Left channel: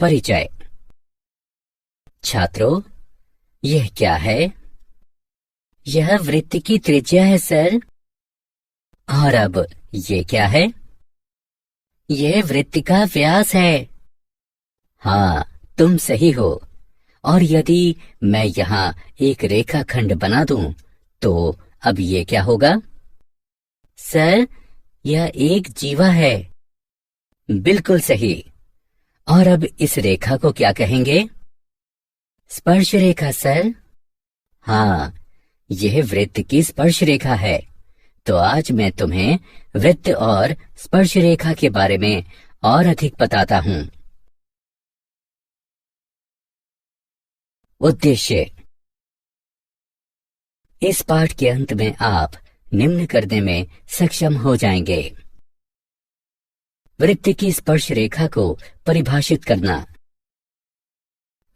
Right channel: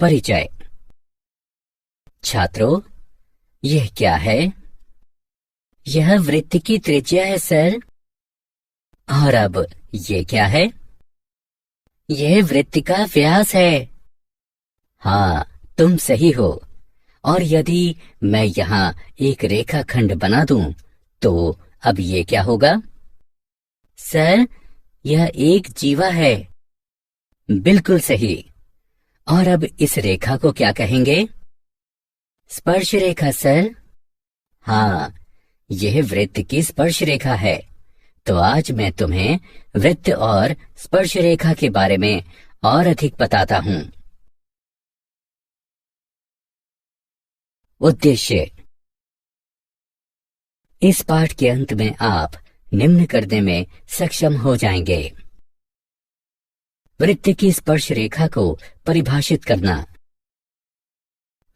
परिचय। छात्रों, यह क्या है? यह वृत्त की त्रिज्या है सर। और अब ये क्या है? यह वृत्त का व्यास है। हाँ, तुम सही हो। और यदि मैं यहाँ एक रेखाखंड बना दूं, तो अब ये क्या होगा? सर, यह एक जीवा है। बिल्कुल सही। और अब इस रेखा को क्या कहेंगे? स्पर्श रेखा सर। हाँ, यह वृत्त की स्पर्श रेखा है। तो आज मैं तुम्हें वृत्त और स्पर्श रेखा के बारे में और अधिक बताता हूँ। उद्देश्य। इस पाठ के अंत में आप निम्न करने में सक्षम हो जाएंगे। वृत्त की स्पर्श रेखा को परिभाषित करना।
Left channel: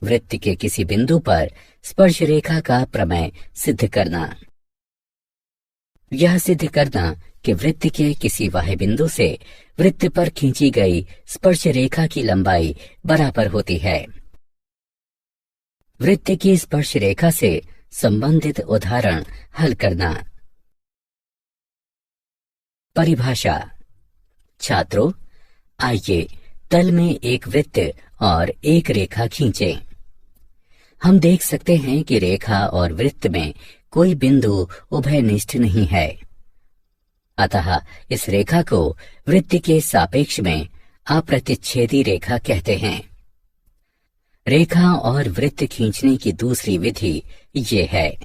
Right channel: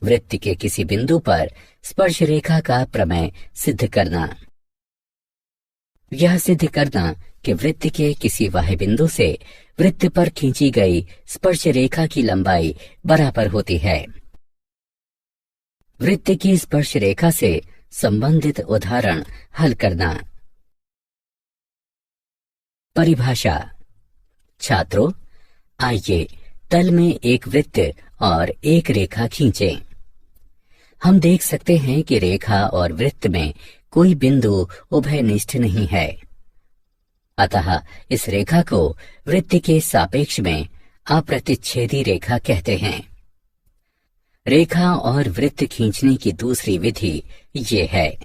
वृत्त के किसी बिंदु पर स्पर्श रेखा का प्रमेय सिद्ध करना। यह सिद्ध करना कि वृत्त के किसी बाह्य बिंदु से वृत्त पर खींची गई स्पर्श रेखा की लंबाई बराबर होती है। वृत्त की स्पर्श रेखा से संबंधित उदाहरण हल करना। परिभाषा। छात्रों, आइए तल में एक वृत्त और एक रेखा खींचें। हम देख सकते हैं कि रेखा और वृत्त में कोई बिंदु उभयनिष्ठ नहीं है। अतः इस रेखा को वृत्त के सापेक्ष में अप्रतिच्छेदी रेखा कहते हैं। रेखा और वृत्त खींचने की दूसरी विधि ये है।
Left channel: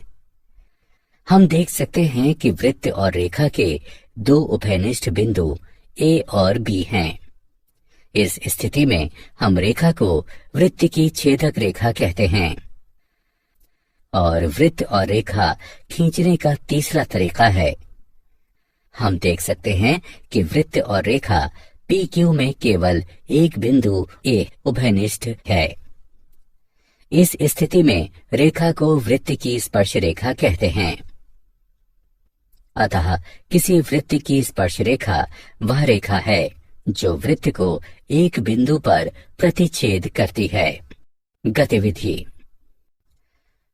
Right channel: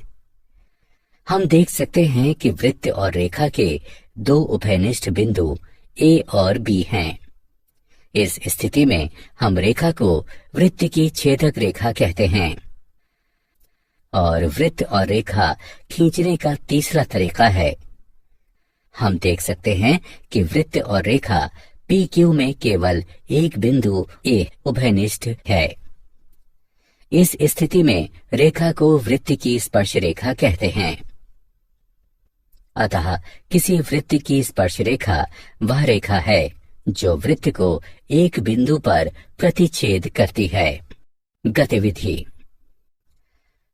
हम देख सकते हैं कि वृत्त और रेखा के दो उभयनिष्ठ बिंदु ए और बी हैं। इस स्थिति में हम रेखा को वृत्त की छेदक रेखा कहते हैं। और वृत्त और रेखा खींचने का तीसरा तरीका है। हम देख सकते हैं कि वृत्त और रेखा PQ में केवल एक बिंदु A उभयनिष्ठ है। इस स्थिति में रेखा को वृत्त की स्पर्श रेखा कहते हैं। अतः किसी वृत्त की स्पर्श रेखा वह रेखा है जो वृत्त को एक बिंदु पर प्रतिच्छेद करती है। गतिविधि।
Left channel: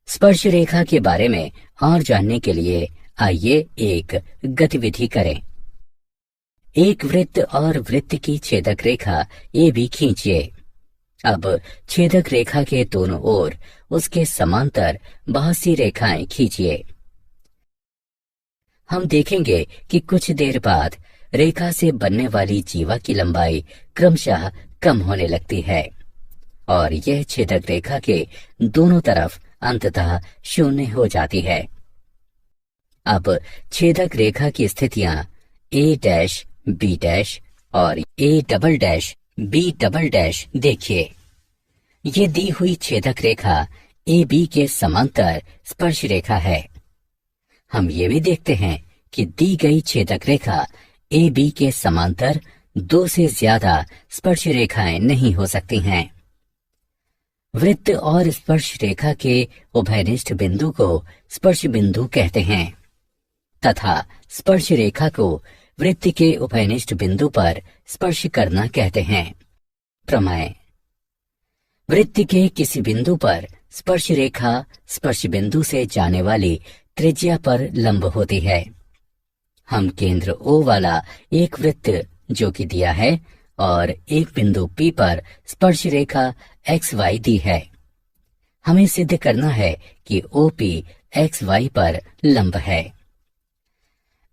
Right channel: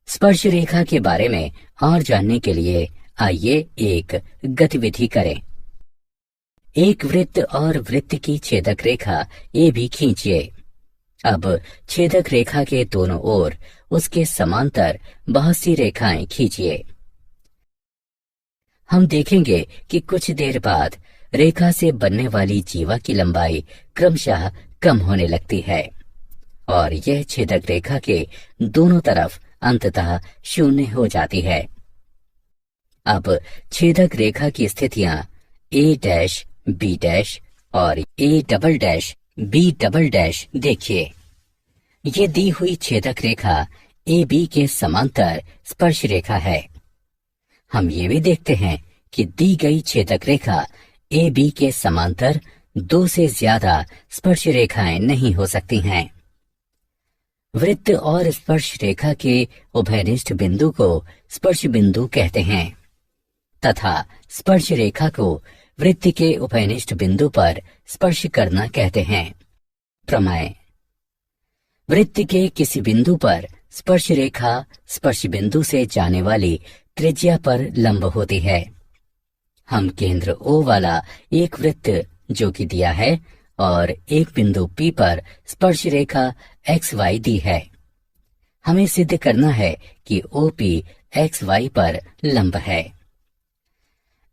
स्पर्श रेखा के बारे में और जानने के लिए आइए एक गतिविधि करें। एक वृत्त और वृत्त की छेदक रेखा ए भी खींचिए। अब छेदक रेखा के दोनों ओर उसके समांतर बहुत सी रेखाएं खींचिए। हम देखेंगे कि कुछ देर बाद रेखा से बनने वाली जीवा की लंबाई क्रमशः कम होने लगती है और यह छेदक रेखा के दोनों तरफ अंततः शून्य हो जाती है। अब छेदक रेखा की स्थितियां A', B' और A', B' देखिए। ये दी हुई छेदक रेखा AB के समांतर स्पर्श रेखा है। हम ये भी देखते हैं कि दी गई छेदक रेखा AB के समांतर दो से ज्यादा स्पर्श रेखाएं नहीं हो सकती हैं। वृत्त और स्पर्श रेखा के उभयनिष्ठ बिंदु को स्पर्श बिंदु कहते हैं तथा स्पर्श रेखा को वृत्त के उभयनिष्ठ बिंदु पर स्पर्श करना कहते हैं। प्रमेय। वृत्त के किसी बिंदु पर स्पर्श रेखा स्पर्श बिंदु से जाने वाली त्रिज्या पर लंब होती है। हम केंद्र O वाला एक वृत्त जो कि दिया है और एक बिंदु P पर स्पर्श रेखा XY दी है। हमें सिद्ध करना है कि OP XY पर लंब है।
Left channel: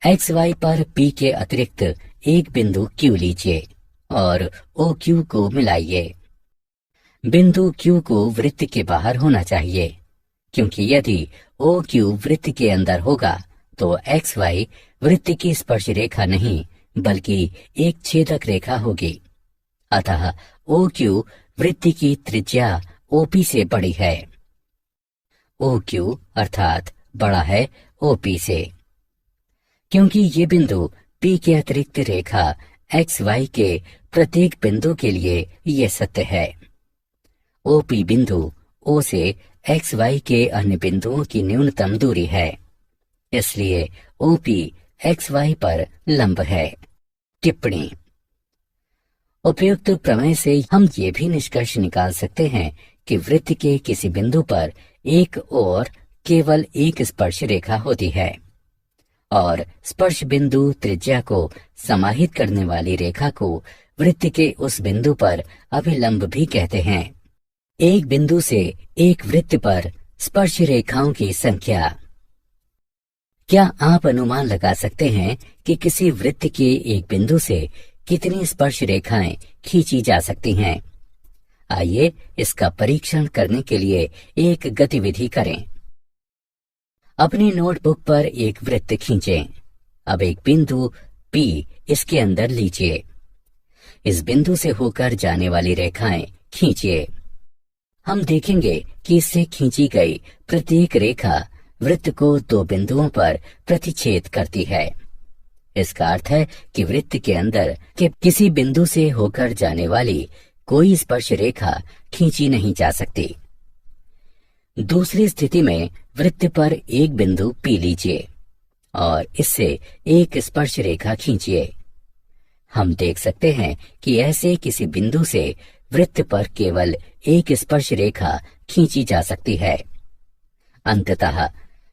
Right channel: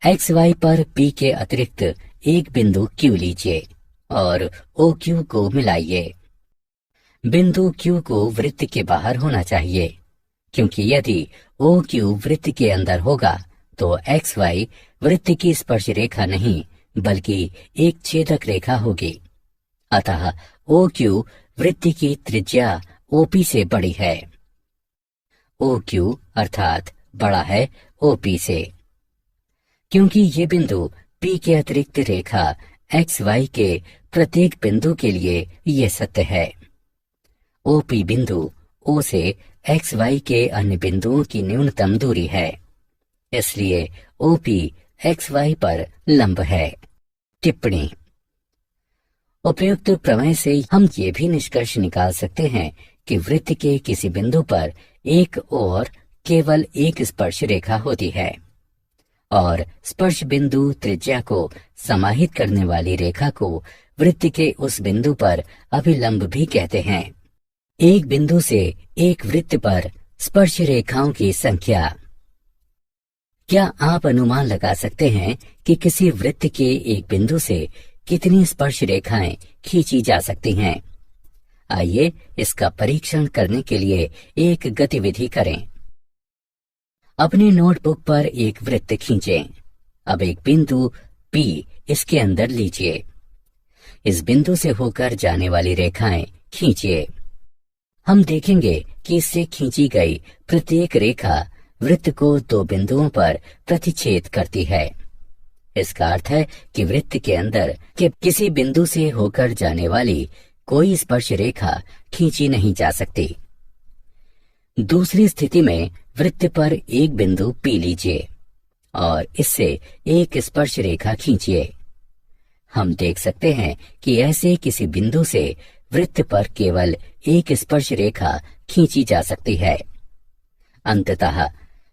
XY पर P के अतिरिक्त एक बिंदु Q लीजिए और OQ को मिलाइए। बिंदु Q को वृत्त के बाहर होना चाहिए, क्योंकि यदि OQ वृत्त के अंदर होगा तो XY वृत्त की स्पर्श रेखा नहीं बल्कि एक छेदक रेखा होगी। अतः OQ वृत्त की त्रिज्या OP से बड़ी है। OQ अर्थात बड़ा है OP से, क्योंकि ये बिंदु P के अतिरिक्त रेखा XY के प्रत्येक बिंदु के लिए ये सत्य है। OP बिंदु O से XY के अन्य बिंदुओं की न्यूनतम दूरी है, इसलिए OP XY पर लंब है। टिप्पणी। उपयुक्त प्रमेय से हम ये भी निष्कर्ष निकाल सकते हैं कि वृत्त के किसी बिंदु पर एक और केवल एक स्पर्श रेखा होती है और स्पर्श बिंदु त्रिज्या को समाहित करने वाली रेखा को वृत्त के उस बिंदु पर अभिलंब भी कहते हैं। एक बिंदु से एक वृत्त पर स्पर्श रेखाओं की संख्या। क्या आप अनुमान लगा सकते हैं कि किसी वृत्त के एक बिंदु से कितनी स्पर्श रेखाएं खींची जा सकती हैं? आइए इसका परीक्षण करने के लिए एक गतिविधि करें। अपनी नोटबुक पर एक वृत्त खींचें। अब एक बिंदु P इसके अंदर लीजिए। इस बिंदु से होकर जाने वाली रेखाएं खींचिए। हम देखेंगे कि इससे खींची गई प्रत्येक रेखा वृत्त को दो बिंदुओं पर प्रतिच्छेद करती है। इसका अर्थ है कि वृत्त के अंदर के किसी बिंदु से होकर जाने वाली कोई स्पर्श रेखा खींची नहीं जा सकती। दूसरी स्थिति में वृत्त पर एक बिंदु P लीजिए और इससे एक स्पर्श रेखा खींचिए। हम देख सकते हैं कि ऐसे किसी बिंदु से वृत्त पर केवल एक स्पर्श रेखा खींची जा सकती है। अंततः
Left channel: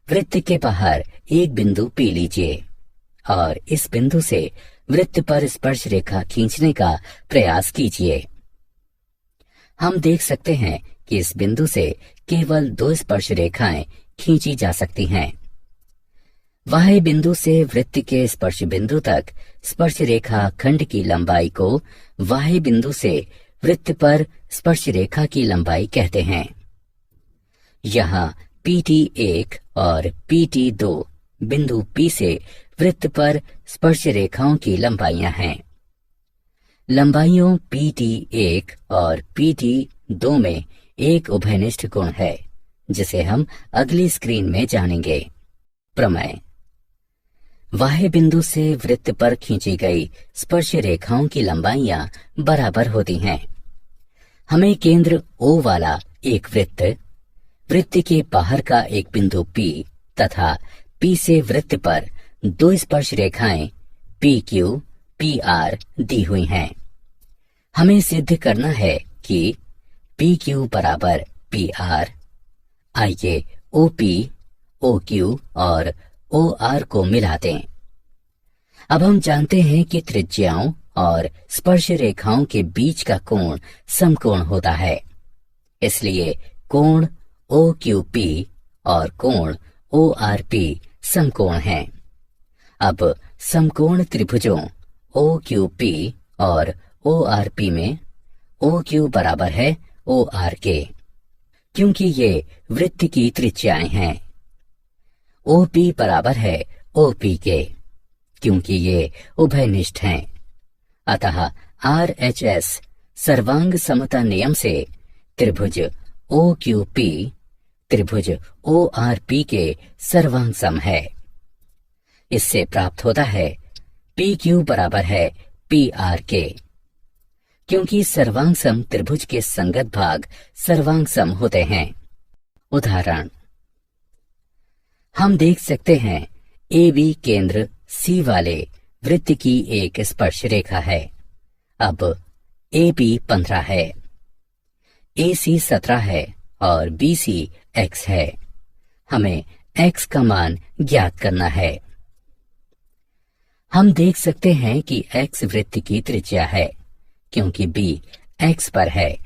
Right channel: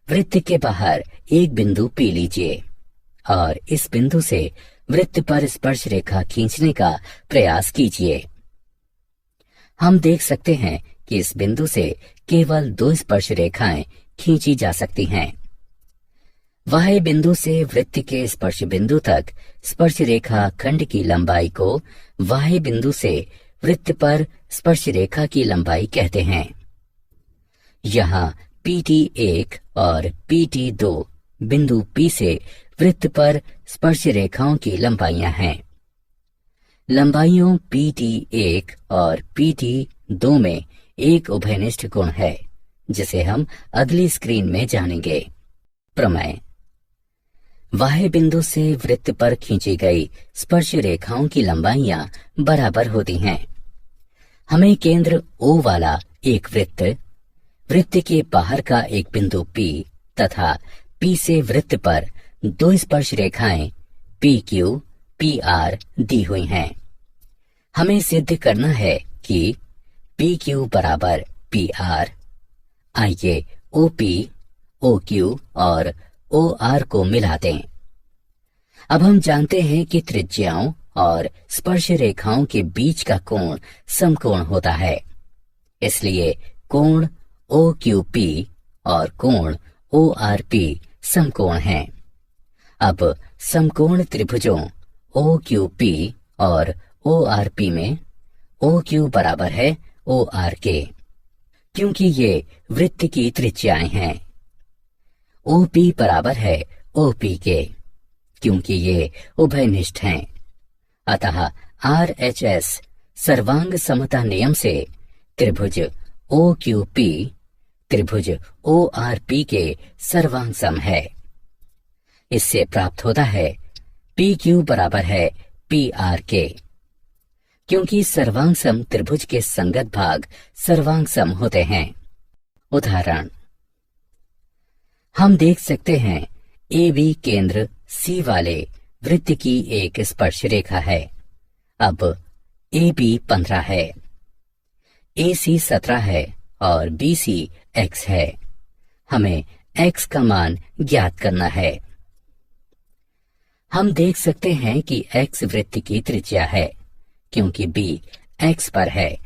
वृत्त के बाहर एक बिंदु P लीजिए और इस बिंदु से वृत्त पर स्पर्श रेखा खींचने का प्रयास कीजिए। हम देख सकते हैं कि इस बिंदु से केवल दो स्पर्श रेखाएं खींची जा सकती हैं। वाह्य बिंदु से वृत्त के स्पर्श बिंदु तक स्पर्श रेखा खंड की लंबाई को वाह्य बिंदु से वृत्त पर स्पर्श रेखा की लंबाई कहते हैं। यहाँ PT1 और PT2 बिंदु P से वृत्त पर स्पर्श रेखाओं की लंबाइयां हैं। लंबाइयों PT1 और PT2 में एक उभयनिष्ठ कोण है जिसे हम अगली स्क्रीन में जानेंगे। प्रमेय। वाह्य बिंदु से वृत्त पर खींची गई स्पर्श रेखाओं की लंबाइयां बराबर होती हैं। हमें केंद्र O वाला एक वृत्त के बाहर का एक बिंदु P तथा P से वृत्त पर दो स्पर्श रेखाएं PQ, PR दी हुई हैं। हमें सिद्ध करना है कि PQ बराबर PR। आइए OP, OQ और OR को मिला दें। अब हम जानते हैं कि त्रिज्याओं और स्पर्श रेखाओं के बीच का कोण समकोण होता है। इसलिए कोण OQP और कोण ORP समकोण हैं। अब समकोण त्रिभुजों OQP और ORP में OQ बराबर है OR के, क्योंकि ये वृत्त की त्रिज्याएं हैं। OP बराबर है OP के, क्योंकि ये उभयनिष्ठ हैं। अतः RHS सर्वांग समता नियम से त्रिभुज OQP त्रिभुज ORP के सर्वांग सम है। इससे प्राप्त होता है PQ बराबर है PR के, क्योंकि सर्वांग सम त्रिभुज के संगत भाग सर्वांग सम होते हैं। उदाहरण, हम देख सकते हैं AB केंद्र C वाले वृत्त की एक स्पर्श रेखा है। अब AB 15 है, AC 17 है और BC X है। हमें X का मान ज्ञात करना है। हम देख सकते हैं कि X वृत्त की त्रिज्या है, क्योंकि B X पर है।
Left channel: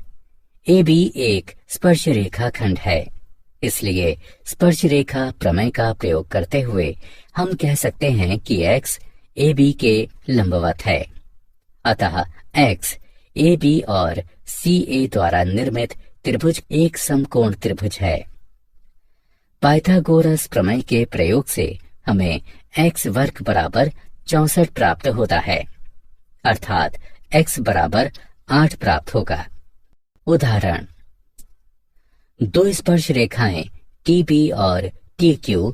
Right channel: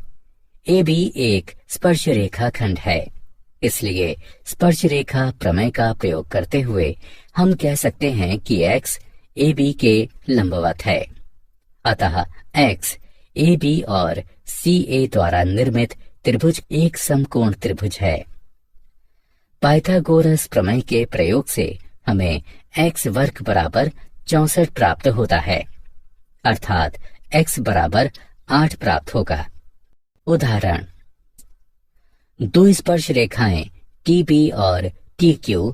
AB एक स्पर्श रेखा खंड है, इसलिए स्पर्श रेखा प्रमेय का प्रयोग करते हुए हम कह सकते हैं कि X AB के लंबवत है। अतः X AB और CA द्वारा निर्मित त्रिभुज एक समकोण त्रिभुज है। पाइथागोरस प्रमेय के प्रयोग से हमें x वर्ग बराबर 64 प्राप्त होता है, अर्थात x बराबर 8 प्राप्त होगा। उदाहरण, दो स्पर्श रेखाएं TB और TQ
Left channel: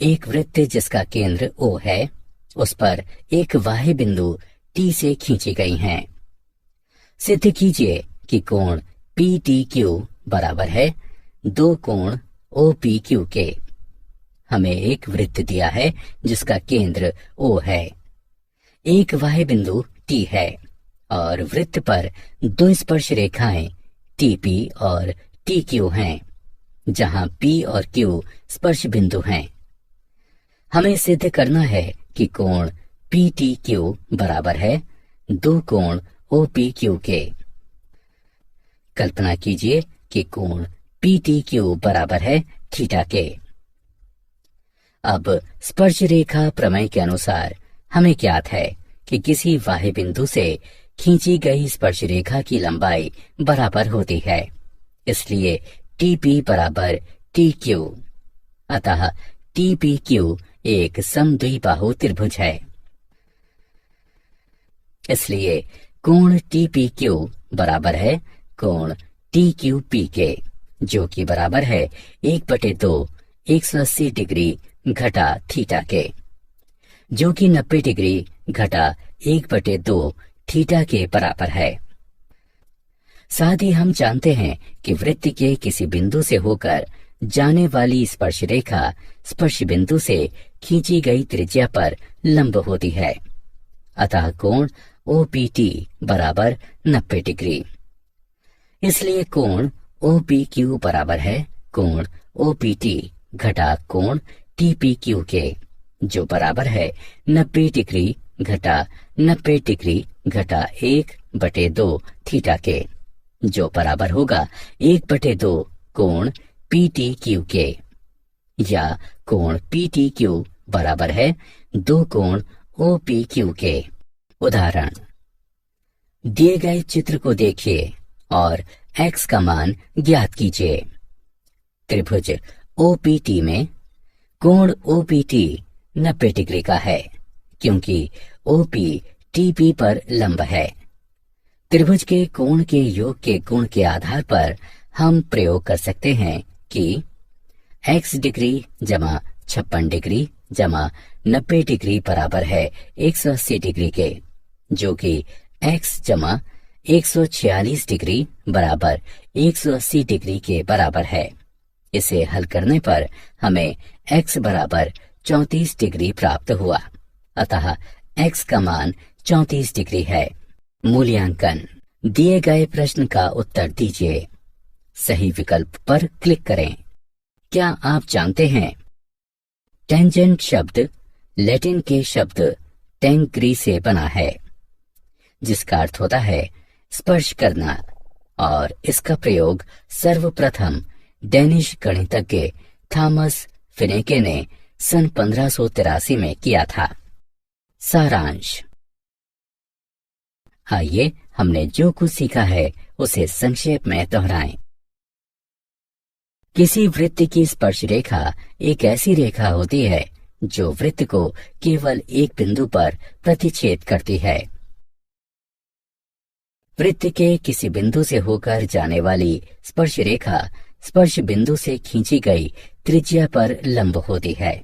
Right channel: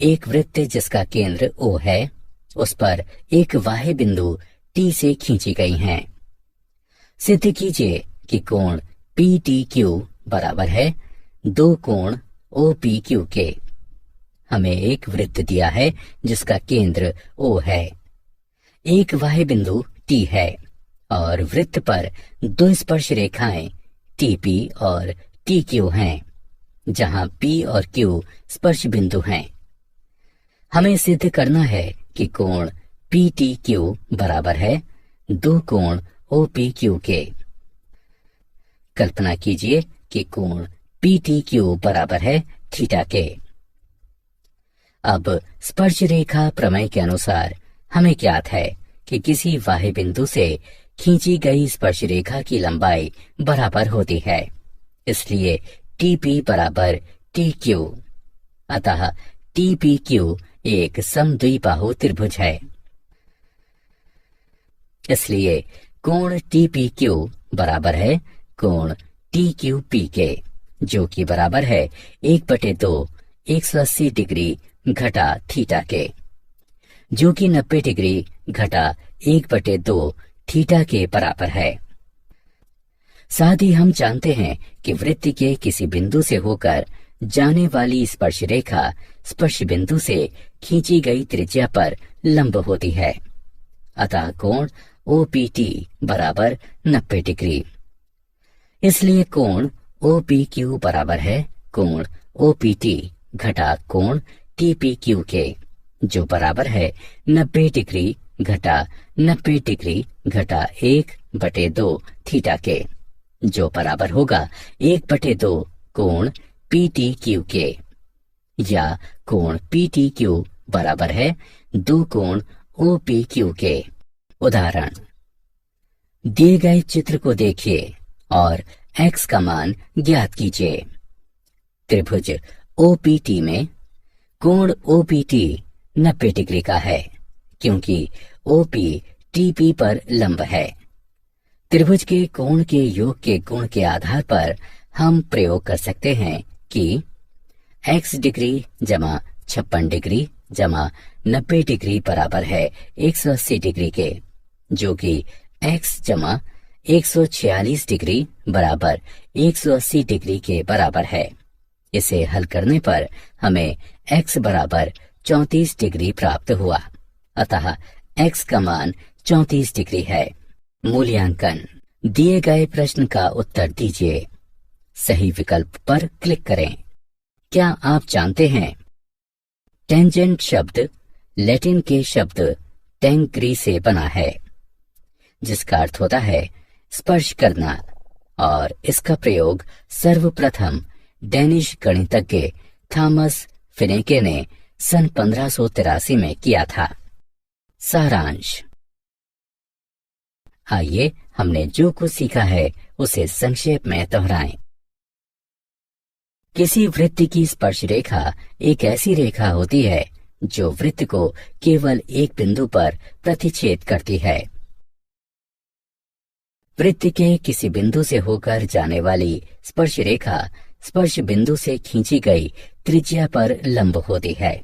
एक वृत्त जिसका केंद्र O है, उस पर एक बाह्य बिंदु T से खींची गई हैं। सिद्ध कीजिए कि कोण PTQ बराबर है दो कोण OPQ के। हमें एक वृत्त दिया है जिसका केंद्र O है, एक बाह्य बिंदु T है और वृत्त पर दो स्पर्श रेखाएं टीपी और टी क्यू हैं, जहां पी और क्यू स्पर्श बिंदु हैं। हमें सिद्ध करना है कि कोण पी टी क्यू बराबर है दो कोण ओ पी क्यू के। कल्पना कीजिए कि कोण पी टी क्यू बराबर है थीटा के। अब स्पर्श रेखा प्रमेय के अनुसार हमें ज्ञात है कि किसी बाह्य बिंदु से खींची गई स्पर्श रेखा की लंबाई बराबर होती है, इसलिए टीपी बराबर टी क्यू। अतः टीपी क्यू एक समद्विबाहु त्रिभुज है। इसलिए कोण टीपी क्यू बराबर है कोण टी क्यू पी के, जो कि बराबर है 1/2 180 डिग्री घटा थीटा के, जो कि 90 डिग्री घटा 1/2 थीटा के बराबर है। साथ ही हम जानते हैं कि वृत्त के किसी बिंदु से होकर जाने वाली स्पर्श रेखा स्पर्श बिंदु से खींची गई त्रिज्या पर लंब होती है। अतः कोण OPT बराबर 90 डिग्री। इसलिए कोण OPQ बराबर है कोण OPT घटा कोण TPQ के, जो बराबर है 90 डिग्री घटा 90 डिग्री घटा 1/2 थीटा के, जो बराबर होगा 1/2 कोण PTQ के, या कोण PTQ बराबर है 2 कोण OPQ के। उदाहरण, दिए गए चित्र को देखिए और x का मान ज्ञात कीजिए। त्रिभुज OPT में कोण OPT 90 डिग्री का है, क्योंकि OP TP पर लंब है। त्रिभुज के कोण के योग के गुण के आधार पर हम प्रयोग कर सकते हैं कि x डिग्री जमा 56 डिग्री जमा 90 डिग्री बराबर है 180 डिग्री के, जो कि x जमा 146 डिग्री बराबर 180 डिग्री के बराबर है। इसे हल करने पर हमें x बराबर 34 डिग्री प्राप्त हुआ। अतः x का मान 34 डिग्री है। मूल्यांकन, दिए गए प्रश्न का उत्तर दीजिए। सही विकल्प पर क्लिक करें। क्या आप जानते हैं टेंजेंट शब्द लैटिन के शब्द टेंक्री से बना है, जिसका अर्थ होता है स्पर्श करना, और इसका प्रयोग सर्वप्रथम डेनिश गणितज्ञ थॉमस फिनेके ने सन 1583 में किया था। सारांश, आइए हमने जो कुछ सीखा है उसे संक्षेप में दोहराएं। किसी वृत्त की स्पर्श रेखा एक ऐसी रेखा होती है जो वृत्त को केवल एक बिंदु पर प्रतिच्छेद करती है। वृत्त के किसी बिंदु से होकर जाने वाली स्पर्श रेखा स्पर्श बिंदु से खींची गई त्रिज्या पर लंब होती है।